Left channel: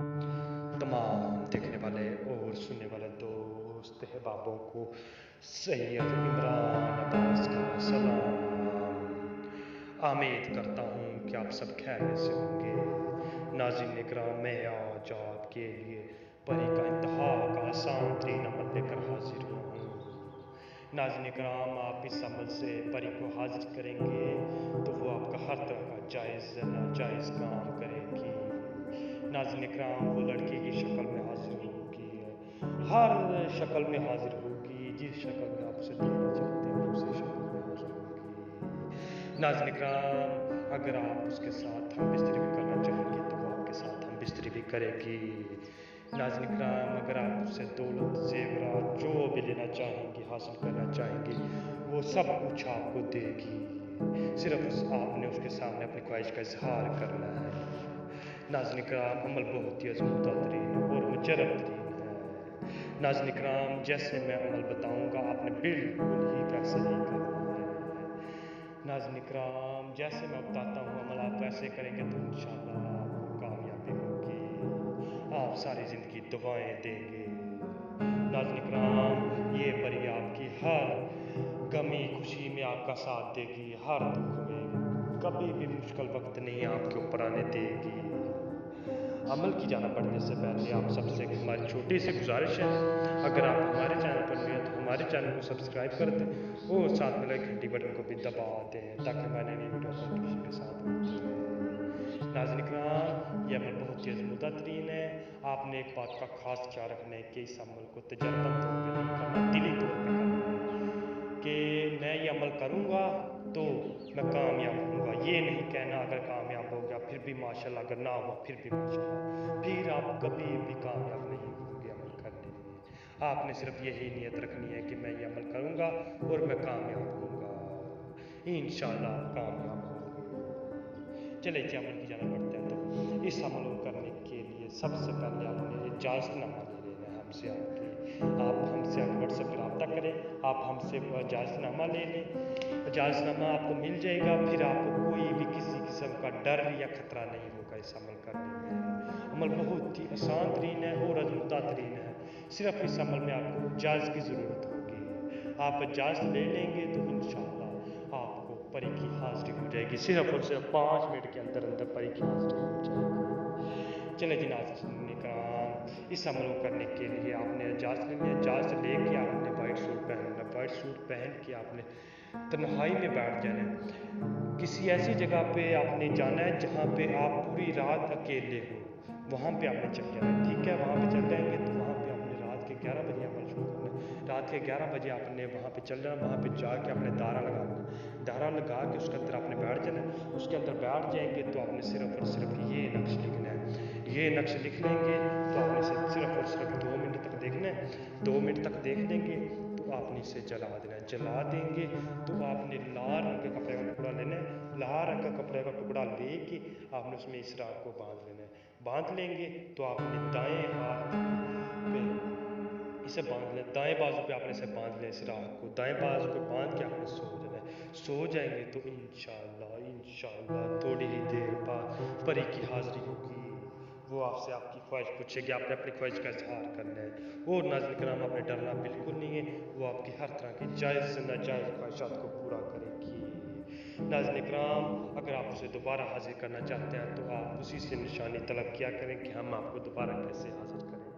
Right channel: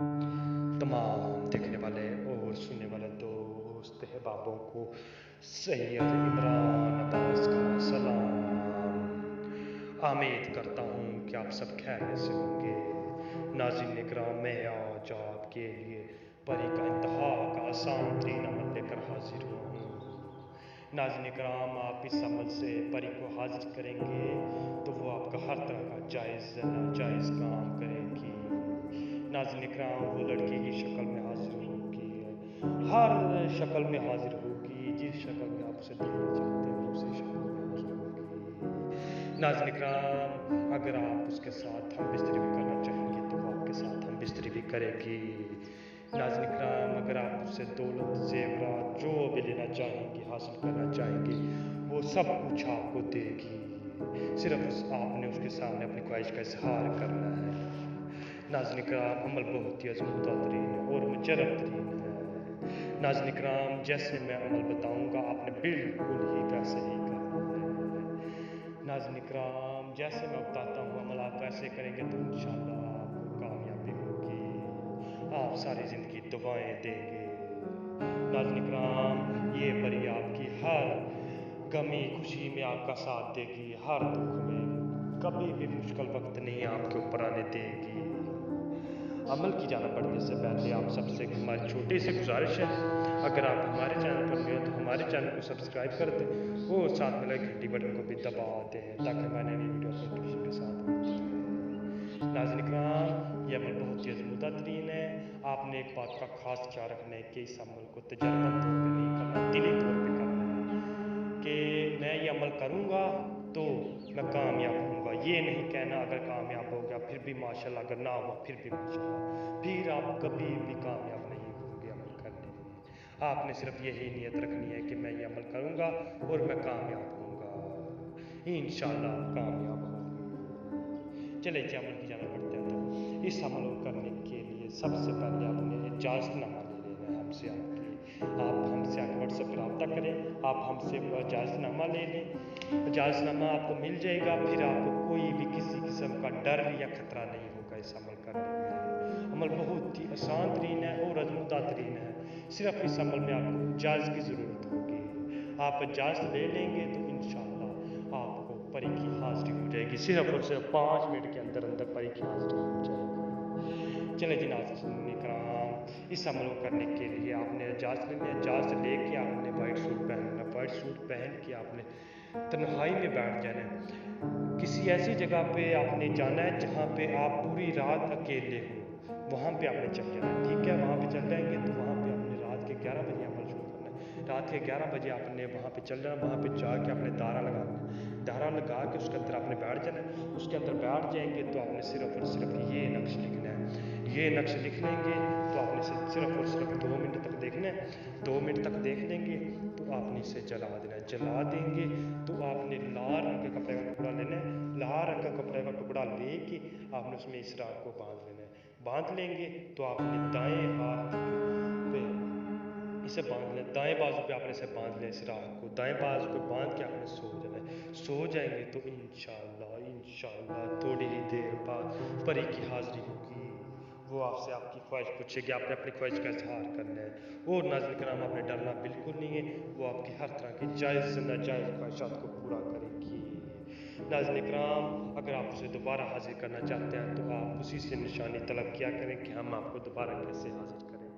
तमाम देखने वाले और सुनने वाले दोस्त अहबाबों को सैयद इमरान अब्बास का सलाम। उम्मीद करता हूँ कि आप सब खैरियत से होंगे। नाज़रीन इकराम, मैं आज आपके लिए परी का इंतहा का आसान तरीन अमल लेकर हाजिर हुआ हूँ। नाज़रीन इकराम, आप इस अमल से परी को हाजिर करेंगे तो वो आपका हर तरह का जायज़ नाजायज़ काम करेगी। नाज़रीन इकराम, वो लड़की की शक्ल में हाजिर होगी, हर शक्ल में हाजिर होगी, जिस शक्ल में आप उसे देखना चाहते हैं उसी शक्ल में हाजिर होगी। नाज़रीन इकराम, अगर आप उसके साथ हम बिस्तरी भी करना चाहेंगे तो वो आपके साथ हम बिस्तरी भी करेगी। नाज़रीन इकराम, अगर आप उससे दौलत ज़ेवरात जो भी लेना चाहेंगे, हासिल करना चाहेंगे, वो सब कुछ आपको देगी। सिर्फ आपने उसके सामने अपनी ख्वाहिश का इजहार करना है। नाज़रीन इकराम, अमल बहुत ही अज़मूदा तरीन और मुजर्रब तरीन है। नाज़रीन इकराम, जैसे मैं अमल बताऊंगा आपने बिल्कुल ही वैसे ही करना है। नाज़रीन इकराम, जैसे मैं बताता हूँ अमल आप वैसे करेंगे तो इंशाअल्लाह आपको कामयाबी होगी, आप सारी ज़िंदगी दुआएं देंगे। नाज़रीन इकराम, ये परी आपकी हर गमी खुशी में आपका साथ देगी, हर दुख में कभी भी मुश्किल वक्त नहीं आपके ऊपर आने देगी। अमल की जाना बढ़ने से पहले आप सबसे हमारी छोटी सी गुजारिश है, अगर आप हमारे चैनल पर नए हैं तो हमारे चैनल को सब्सक्राइब कर दें और साथ में लगे घंटी बटन को भी दबा दें ताकि हमारी नई वीडियो को नोटिफिकेशन के साथ मिलती रहे। नाज़रीन इकराम, ये अमल बहुत ही अज़मूदा तरीन है। आपने एक बात का खास ख्याल रखना है कि इस अमल को तजर्बन तौर पर नहीं करना, दिली तौर पर करना है कि मैं ये अमल करूँगा तो मैं कामयाब होऊंगा। ये नहीं कहना अगर कामयाब हो गया फिर भी माशाल्लाह, अगर ना हुआ फिर भी माशाल्लाह, फिर आप कभी भी कामयाब नहीं होंगे अमल करने में। आपने सिर्फ यही नियत रखनी है कि मैं ये अमल करूँगा और मैं कामयाब होऊंगा, इंशाअल्लाह आप कामयाब होंगे। चलिए जी, अमल की जाना बढ़ते हैं। तो इस अमल को करने के लिए सबसे पहले आपने इजाज़तनामा ले लेना है हमसे। आप हमसे आके व्हाट्सएप पर रब्ता करें, आप हमसे इजाज़तनामा ले लें, इजाज़तनामा आपको मिल जाएगा। फिर आपको कोई भी किसी किस्म का डर या ख़तरा नहीं होगा इस अमल करने में। अमल बहुत ही आसान तरीन है और अज़मूदा तरीन है। सिर्फ इस अमल में आपको इजाज़त की ज़रूरत होगी। आप इजाज़त ले लेंगे तो इंशाअल्लाह आपको परी की हाज़िरी हो जाएगी। सिर्फ और सिर्फ 5 मिनट के अंदर अंदर परी की हाज़िरी हो जाएगी। चले जी नाज़रीन इकराम, इस अमल को करने के लिए आपने इजाज़त लेनी है। इजाज़त लेके आपने वाइट सूट पहनना, वाइट सूट पहन के आपने तन्हाई में बैठ जाना है। किसी ऐसी जगह पे आपने जाना है जहाँ पे आप पूरी रात अकेले हो, वहाँ पे आपने चल जाना है। ठीक है, वहाँ पे चल जाएंगे तो वहाँ पे आपने रात के 11 बजे अमल शुरू करना है। रात के 11 बजे आपने वहाँ पे चल जाना, वहाँ पे जाके आपने दायरा लगाना है। दायरा लगा के उसके अंदर आपने बैठ जाना है। उसके अंदर बैठ जाएंगे तो आपने सिर्फ और सिर्फ ये नक्श लिखना है। ये नक्श लिख लेंगे तो आपने सिर्फ और सिर्फ 2 मिनट तक देखना है। 2 मिनट तक देख लेंगे तो आपने इसे जला देना है। जला देंगे तो आपने लाल रंग के कपड़े का टुकड़ा लेना है। लाल रंग का कपड़े का टुकड़ा लेके आपने उसमें इस राग को बांध लेना है। बांध लेंगे तो आपने दाएं हाथ पे इसे बांध लें, दाएं बाजू पे आपने इसे बांध लें। इस राग को दाएं बाजू पे बांध के आपने सो जाना है। सो जाएंगे तो इंशाअल्लाह थोड़ी ही देर बाद परी की हाज़िरी होगी। वो आपसे आपकी ख्वाहिश पूछेगी, आपने अपनी ख्वाहिश का इजहार करना है। और नाज़रीन किराम, आपने डरना बिल्कुल नहीं है, वो आपकी हर तरह की जायज़ नाजायज़ ख्वाहिशात को पूरा करेगी। नाज़रीन किराम, अगर आप उसे दोबारा हाजिर करना चाहते हैं तो आप उसी से निशानी तलब किया करें कि हम आपको दोबारा कैसे हाजिर करें।